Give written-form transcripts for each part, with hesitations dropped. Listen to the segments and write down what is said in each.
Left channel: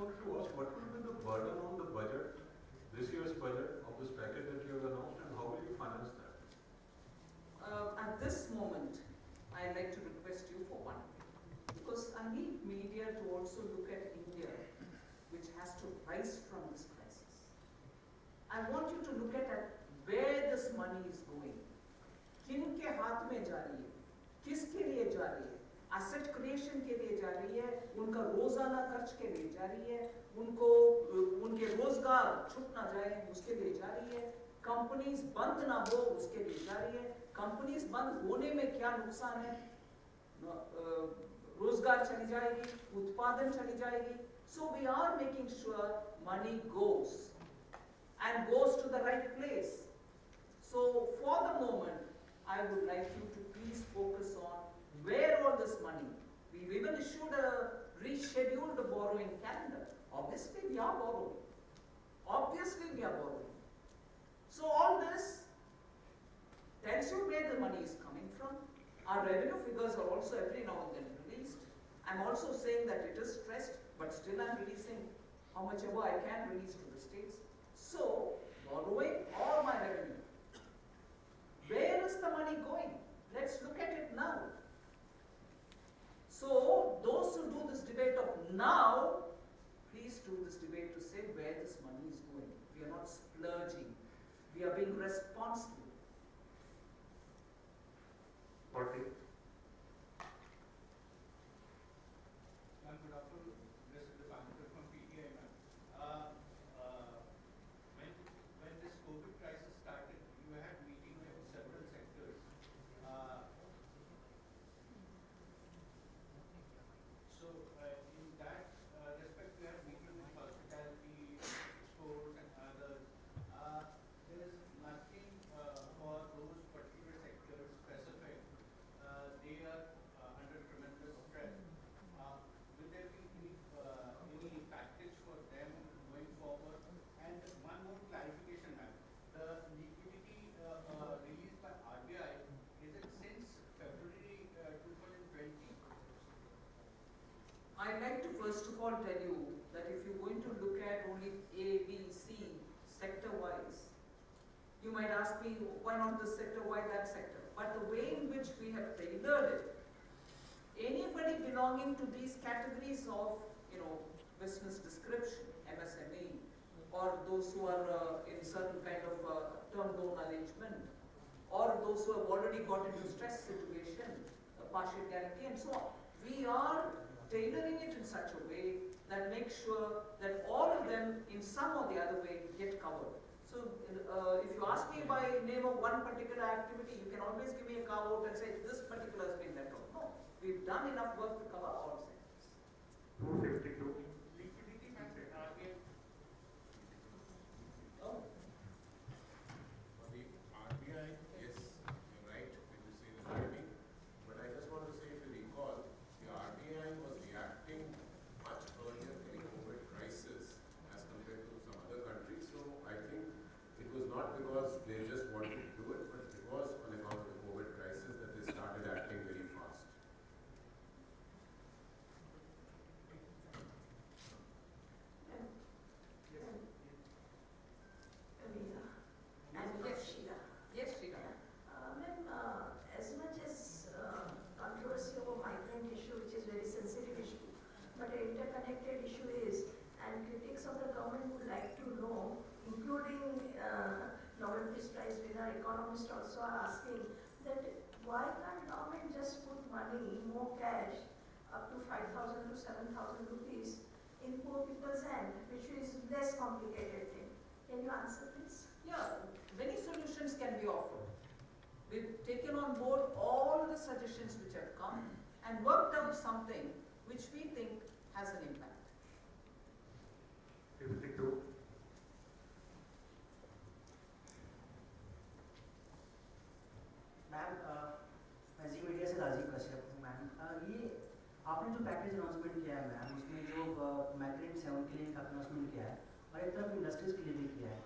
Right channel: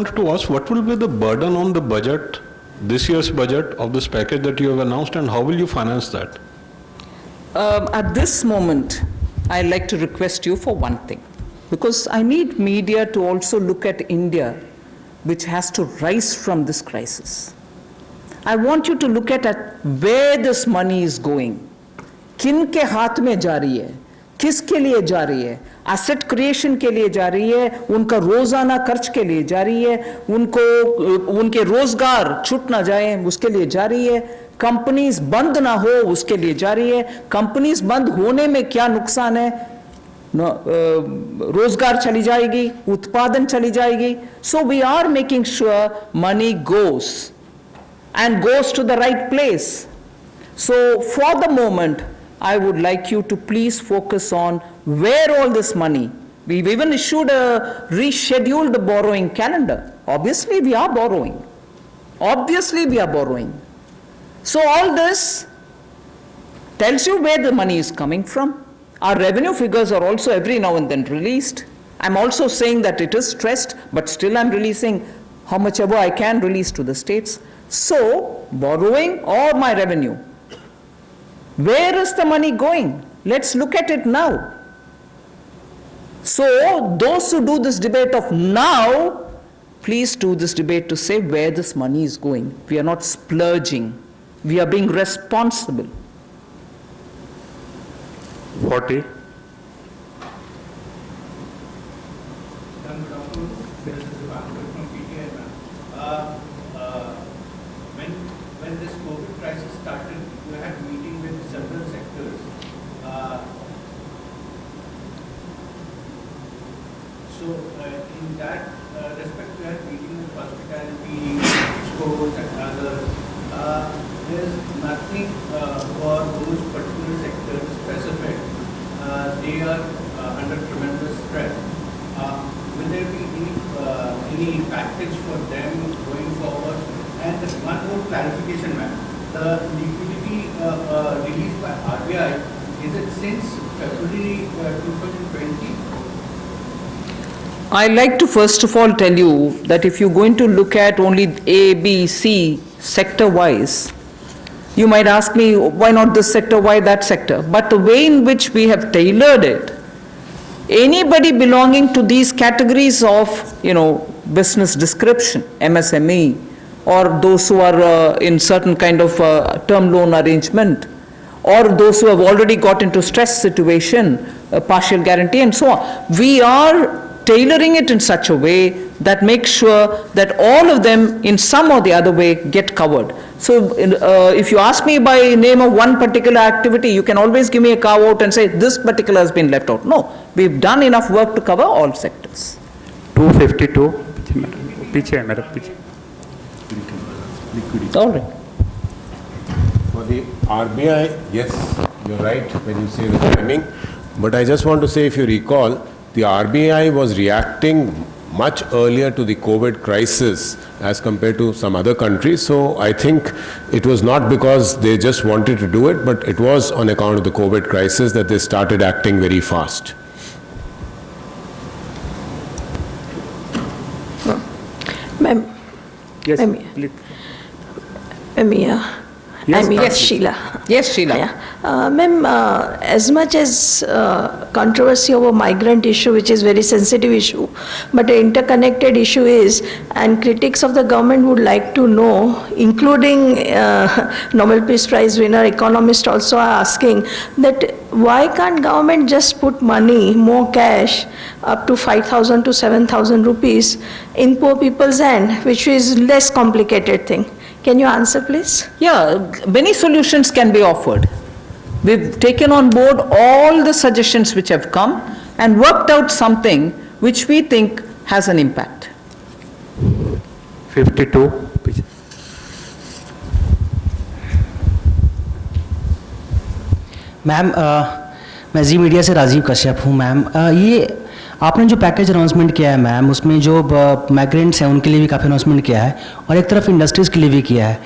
To ask what will be the burden on the budget, this year's budget of this package that you have announced, and how will you finance that? At this moment, I'd like to request you for one thing, because I need media to also look at India, which has to rise from this crisis. I want you to look at where this money is going. किन के हाथ में जा रही है, किसके लिए जा रही है, एसेट क्रिएशन के लिए जा रही है, उनका रोजाना खर्च के लिए जा रही है, उनके रोजगार छूट ना जाए उसके लिए जा रही है, कंपनीज बंद ना हो उसके लिए जा रही है, कंपनीज बंद होने में क्या नुकसान है, रोजगार चली जाएगी, उत्पादन चली जाएगी. So we are making sure money goes and goes to the right place. So for the moment, I would like you to please focus on where all this money. We've even issued a rescheduled borrowing calendar. Obviously, we are borrowing. Obviously, we are borrowing. So all this tells you where the money is coming from. Our revenue figures are also every now and then released. I'm also saying that it is stressed, but still I'm releasing how much ever I can release to the states. So, borrowing or my revenue. Where is the money going? Let's look at it now. So, those who do this debate of now, please do this debate to say where this money is going. We are not splurging. We are being responsible. 40. When this COVID crisis started, you had meeting with several sectors. So in that respect, you had meeting with hospitality, sports, and others. There is nothing for those particular sectors specific. They are under tremendous stress. Will there be any package for them going forward? And one more clarification, ma'am. The liquidity released by RBI, is it since February 2020? I'd like to first of all tell you that if you're going to look at only A, B, C sector-wise, you might ask me, why not this sector, why that sector? But the way in which we have tailored it, anybody belonging to these categories of, business description, MSME, or those who are in certain kind of term loan arrangement, or those who have already got into stress situation, partial guarantee and so on. We are tailoring it in such a way that makes sure that all of them in some or the other way get covered. So if you ask me by name of one particular activity, you can always give me a carve out and say this particular has been left out. No, we've done enough work to cover all sectors. 252. All right. For the RBI, yes, you're right when you say the timing. But I just want to say, if you recall, the RBI was reacting much earlier to the COVID crisis as compared to some other countries. So I think it was not because they just wanted to do it, but it was on account of the COVID crisis that they started acting very fast. Ma'am. Yes, Ma'am. please. Yes, Sheila. Yes, Sheila. Yeah. Ma'am, as much as controversy over migrant issue, which is very sensitive issue, but an interconnected issue is, and critics of the government would like to know, including Nobel Peace Prize winner economists also are asking that why can't government just put money, more cash, up to 5,000 to 7,000 rupees in poor people's hand, which is less complicated thing. Can you answer, please? Yeah, many solutions can be offered. We've taken on board all the suggestions which have come and worked out something which we think has an impact. 52. Ma'am मैं जी media से राजीव कश्यप हूँ ma'am. ये आपने जो package announcement किया है ma'am, उसमें जो माइग्रेंट्स हैं उनके लिए भी काफ़ी अनाउंसमेंट किया है और एक तरफ इंडस्ट्रीज़ के लिए भी किया है.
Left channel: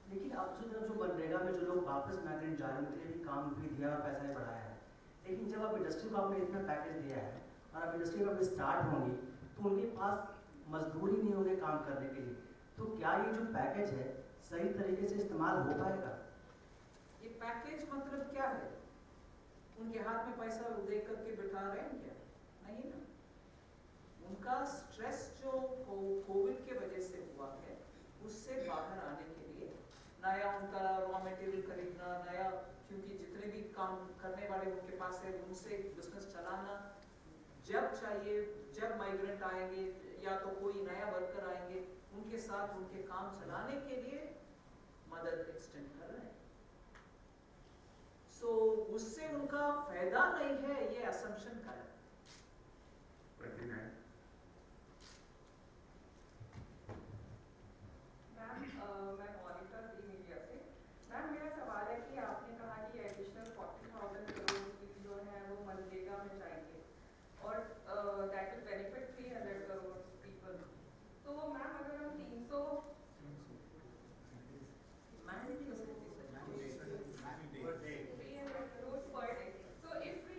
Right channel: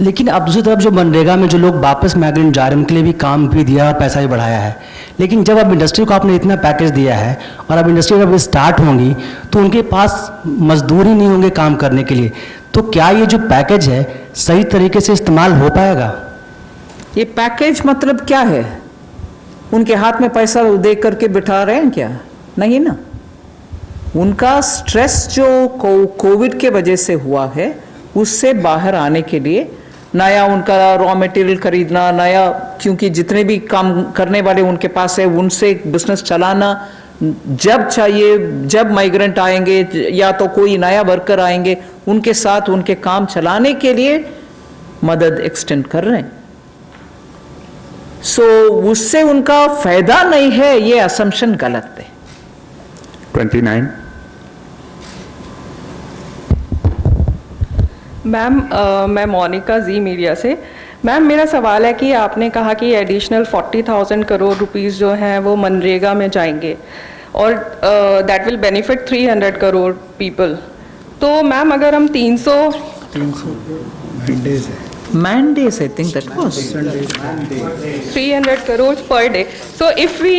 लेकिन अब दूसरी तरफ जो मनरेगा में जो लोग वापस माइग्रेंट जा रहे हैं उनके लिए भी काम भी दिया और पैसा भी बढ़ाया है, लेकिन जब अब इंडस्ट्री को आपने इतना पैकेज दिया है और अब इंडस्ट्री जब स्टार्ट होंगी तो उनके पास मजदूर ही नहीं होंगे काम करने के लिए, तो क्या ये जो पैकेज है सही तरीके से इस्तेमाल हो पाएगा? ये पैकेज मतलब क्या है? उनके हाथ में पैसा दे करके बिठा रहे हैं क्या? नहीं ना। उनका स्ट्रेस जो कोविड के वजह से हुआ है उससे बाहर आने के लिए नया उनका रॉ मटेरियल खरीदना, नया, क्योंकि जितने भी काम करने वाले उनके पास है उनसे बिजनेस चलाना, जब चाहिए जब माइग्रेंट आएंगे या तो कोई नया वर्कर आएंगे उनके साथ उनके काम चलाने के लिए मदद एक्सटेंड कर रहे हैं। सो उससे उनका फायदा नहीं है, ये असम्पशन गलत है। 29. मैम मैं मोनिका जी मीडिया से। मैम मेरा सवाल है कि आपने कहा कि एडिशनल 40,000 करोड़ रुपीस जो हैं वो मनरेगा में जाएंगे और that will benefit 300 crore people. तो मैम अगर हम 300 Mandates, I think that was. 300 crores per day. So if we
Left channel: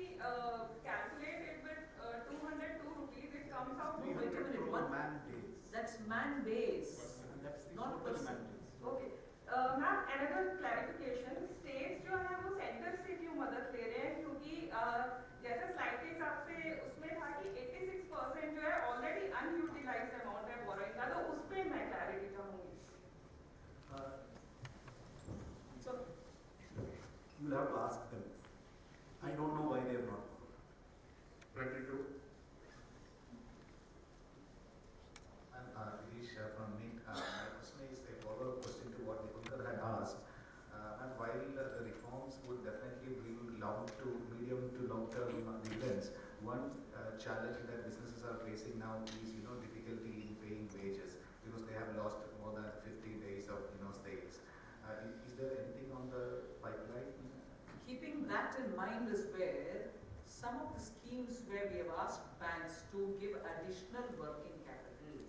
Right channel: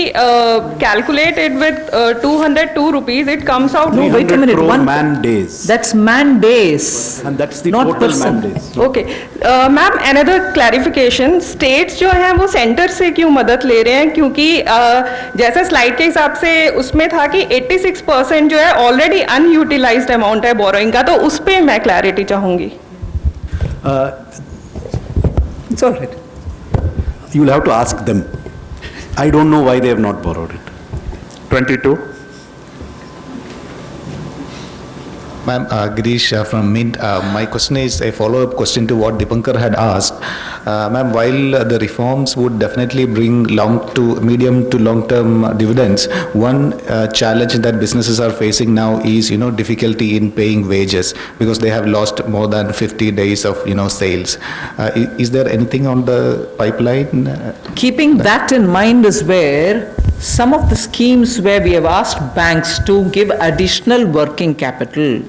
calculate it with 202 rupees, it comes out. No, wait a minute. man days. That's man days. And that's the not total person. man days. Okay ma'am another clarification, states जो हैं वो centre से क्यों मदद ले रहे हैं? क्योंकि जैसे स्लाइड के हिसाब से उसमें था कि 86% जो है ऑलरेडी अनयूटिलाइज्ड अमाउंट है बोरोइंग का, तो उस पर मैं क्लैरिटी चाहूँगी। It's all right. You'll have to ask them. I don't know why they have not borrowed it. 22. Ma'am, Girish from Mint. My question is a follow-up question to what Dipankar had asked. Ma'am, while the reforms would definitely bring medium to long-term dividends, one challenge that businesses are facing now is, difficulty in paying wages because they have lost more than 50 days of, sales. Is there anything on the pipeline? Keeping that in mind is where some of the schemes where we have asked banks to give additional working capital,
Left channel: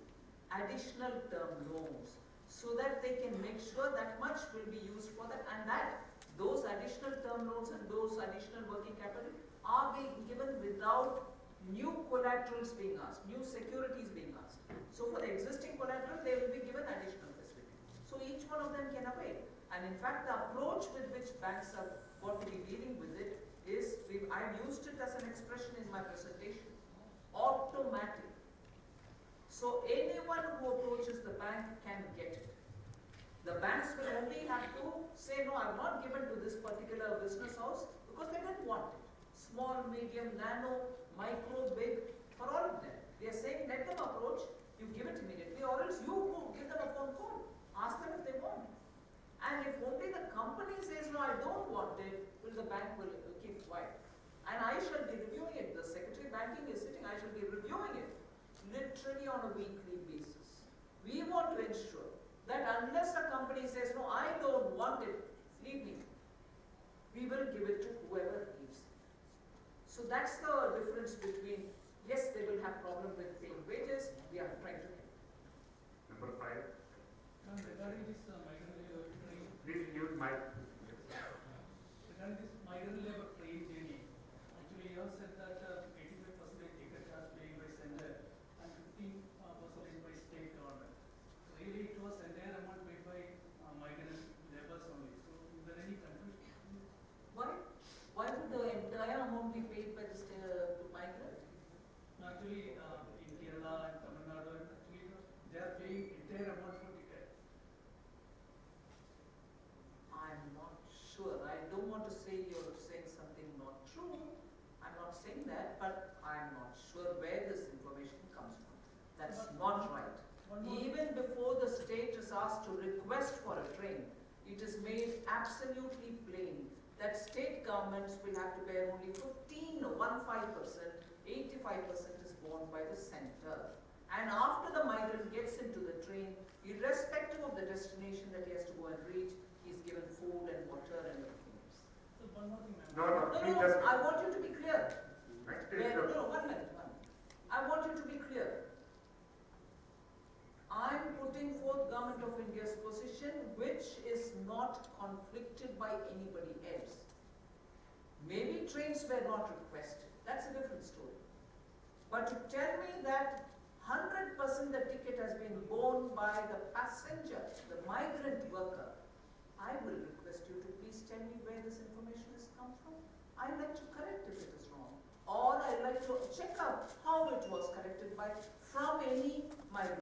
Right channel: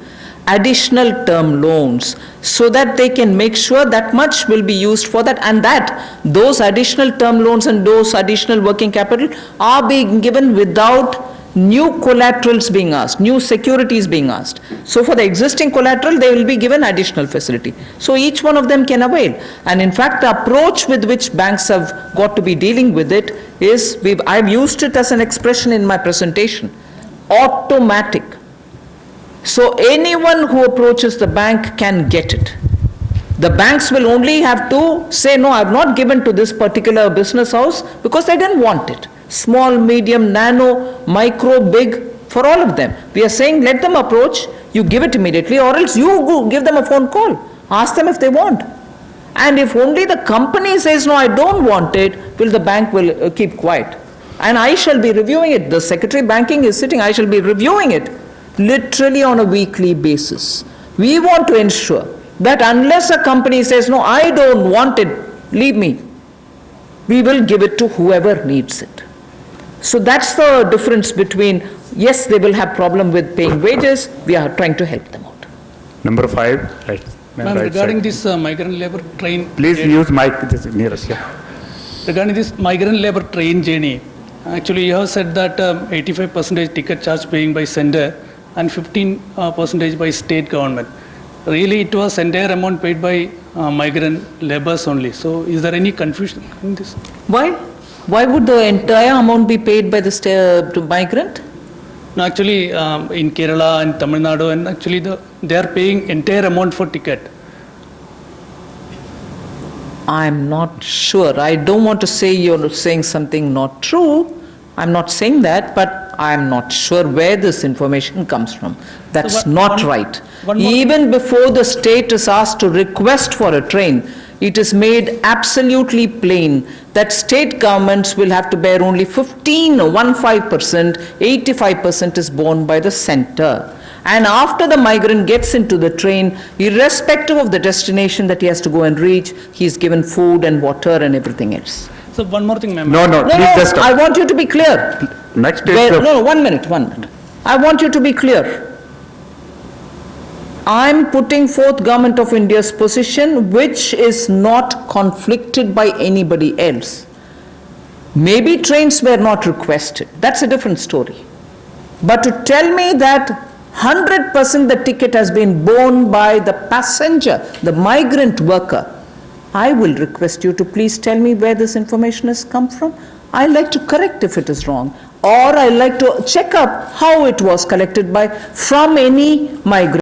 additional term loans, so that they can make sure that much will be used for that, and that those additional term loans and those additional working capital are being given without new collaterals being asked, new securities being asked. So for the existing collateral, they will be given additional facility. So each one of them can avail. And in fact, the approach with which banks have got to be dealing with it is, I've used it as an expression in my presentation, automatic. So anyone who approaches the bank can get it. The banks will only have to say, no, I've not given to this particular business house because they didn't want it. Small, medium, nano, micro, big, for all of them. We are saying let them approach, you give it immediately, or else you go give them a phone call. Ask them if they want. And if only the company says, no, I don't want it, well, the bank will keep quiet. And I shall be reviewing it. The Secretary Banking is sitting, I shall be reviewing it literally on a weekly basis. We want to ensure that unless a company says, no, I don't want it, leave me, we will give it to whoever needs it. So that's the difference between, yes, they will have problem with paying wages, we are trying to help them out. Number 5. Right. Ma'am, Right regarding side. this migrant labor train. Please journey- use mic this nearest. Yeah. Regarding this migrant labor train journey, actually you have said that 85% ticket charge paying by sender and 15% by state government. Really, it was entire amount paid by migrant laborers only. So is there any confusion in this? Why? Why would the entire amount be paid by the migrant? No, actually, in Kerala and Tamil Nadu, and actually they are paying entire amount for ticket. I'm not sure. I don't want to say you're saying something not true. I'm not saying that, but I'm not sure where this information comes from. That's So not right. one more Even before the state is asked to request for a train, it is made absolutely plain that state governments will have to bear only 15%, 85% is borne by the center. And after the migrant gets into the train, irrespective of the destination that he has to go and reach, he is given food and water and everything else. So one more thing, ma'am. No, No, please no, just I want you to be clear. Next is Where, the- no, 1 minute. I want you to be clear. I'm putting forth Government of India's position, which is not conflicted by anybody else. Maybe trains were not requested, that's a different story. But to tell me that 100% the ticket has been borne by the passenger, the migrant worker, I will request you to please tell me where this information has come from. I like to correct if it is wrong, or I like to check up how it was collected by, from any migrant.